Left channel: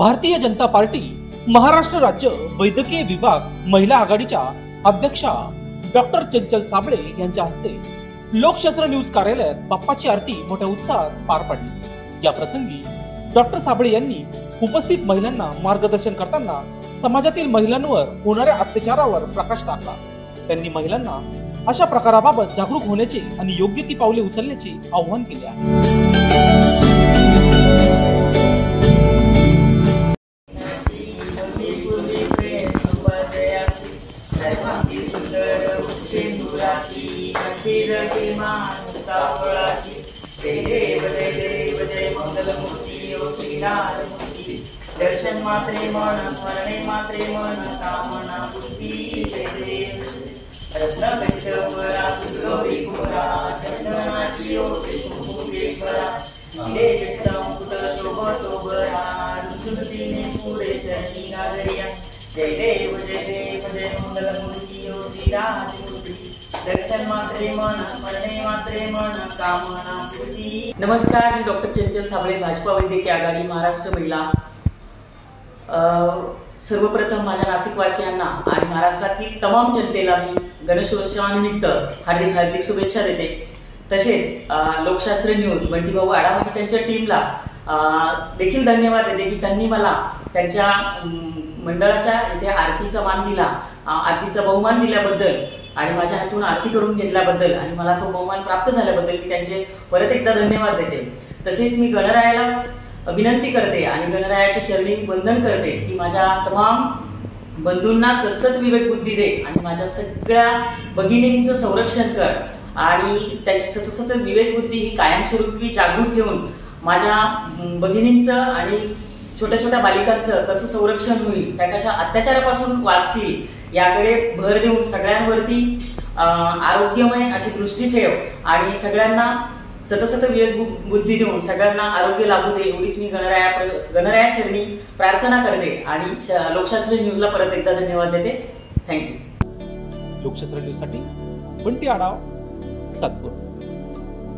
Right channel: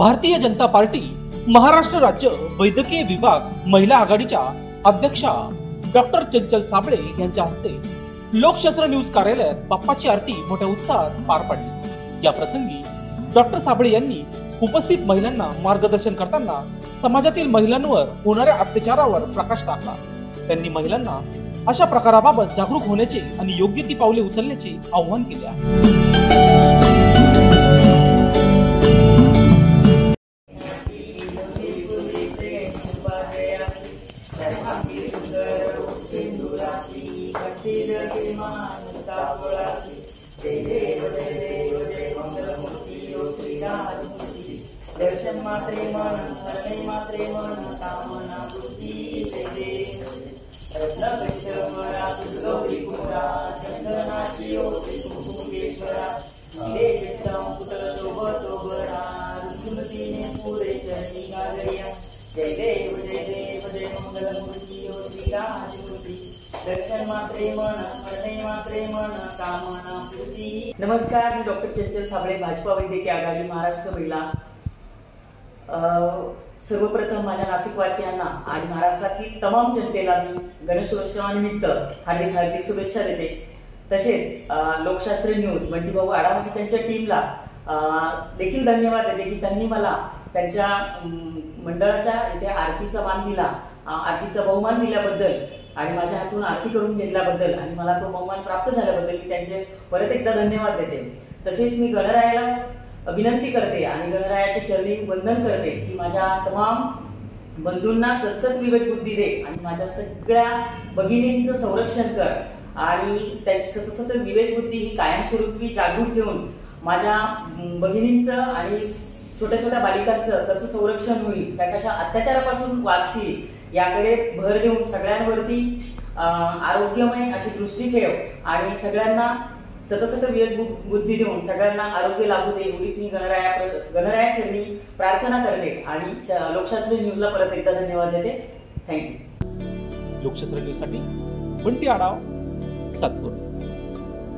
Bharatiya Janata party Maharashtra राज्य वैद्यकीय विभाग महिला आघाडीच्या अध्यक्षा डॉक्टर चंचल साबळे यांच्या हस्ते लोकशास्त्र न्यूज कार्यालयात बाप्पाची आरती मोठ्या उत्साहात पार पडली। या प्रसंगी डॉक्टर साबळे यांनी उपस्थित महिलांना मार्गदर्शन करताना समाजातील महिलांवर होणाऱ्या अत्याचारावर प्रकाश टाकला। त्यांनी महिलांना अशा प्रकाराबाबत जागरूक होण्याचे आणि योग्य ती पावले उचलण्याचे आवाहन केले आहे। दर्शन मात्रे मन स्मरणे मात्रे मन कामना पूर्ती जय देव रत्न कष्टपरा सुगौरी कुमारा चंदनाची ओटी कुंकुमेश्वरा हिरे जगदम पुत्र शोभतो बरा रुसुलतीने पुरे चरणी गाजरिया जय देव जय मंगलमूर्ती योगी राजमूर्ती दर्शन मात्रे मन स्मरणे मात्रे मन कामना पूर्ती। नमस्कार, मी डॉक्टर चंचल साबळे, भाजपा वैद्यकीय आघाडी महाराष्ट्र महिला। सर्वप्रथम माझ्या नाशिकवासियांना आणि महाराष्ट्रातील तमाम जनतेला मी गणेशोत्सवानिमित्त हार्दिक हार्दिक शुभेच्छा देते। तसेच लोकशास्त्र न्यूज बंटी भाऊ आढाव आणि त्यांच्या टीमला देखील धन्यवाद देते की त्यांनी मला त्यांच्या मंडळाच्या इथे आरतीचा मान दिला, आरतीचा बहुमान दिल्याबद्दल आणि माझ्या हातून आरती करून घेतल्याबद्दल आणि मला तो बहुमान प्राप्त झाल्याबद्दल मी त्यांचे परत एकदा धन्यवाद देते। तसेच मी गणरायाला विनंती करते आणि गणरायाच्या चरणी वंदन करते की माझ्या तमाम बंधूंना सतसत विवेक बुद्धी दे आणि माझ्या सगळ्या भगिनींचं संरक्षण कर आणि त्यांची सतसत विवेक बुद्धी ही कायमस्वरूपी जागृत ठेवून माझ्या भगिनींचं आणि छोट्या छोट्या बालिकांचं कसं संरक्षण होईल, त्या कशा अत्याचारापासून वाचतील याकडे भर देऊन सगळ्यांवरती आरोग्यमय अशी दृष्टी ठेव आणि सगळ्यांना सतसत विवेक बुद्धी देऊन सगळ्यांना आरोग्य लाभू दे एवढीच मी गणराया चरणी प्रार्थना करते आणि लोकशास्त्र न्यूजला परत एकदा धन्यवाद देते। थँक्यू। लोकशास्त्र न्यूज साठी बंटी आढाव, सातपूर।